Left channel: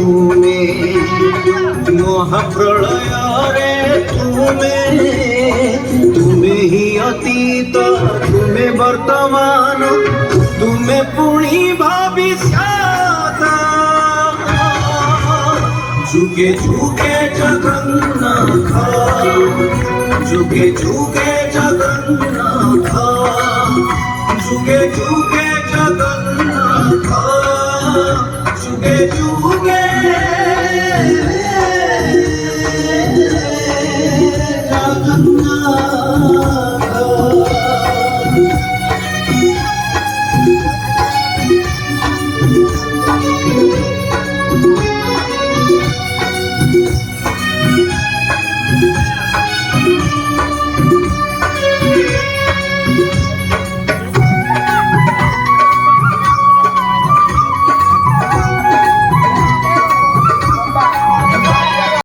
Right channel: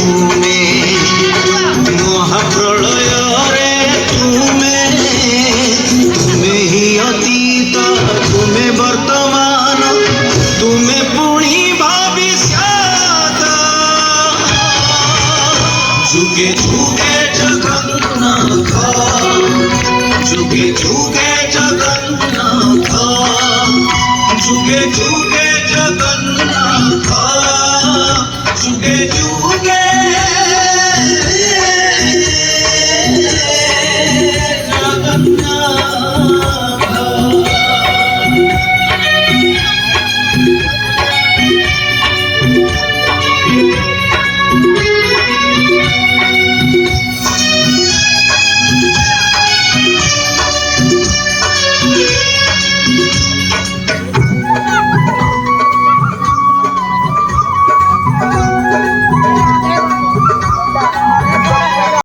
ତୁମେ ମହାପ୍ରଳୟରେ ତୁମେ ହିଁ ଅତୀତ, ତୁମେ ବର୍ତ୍ତମାନ, ତୁମେ ପୁଣି ଭବିଷ୍ୟତ। ଯୁଗେ ଯୁଗେ ଜଗନ୍ନାଥ, ଯୁଗେ ଯୁଗେ ଜଗନ୍ନାଥ, যুগে যুগে জগন্নাথ, যুগে যুগে জগন্নাথ।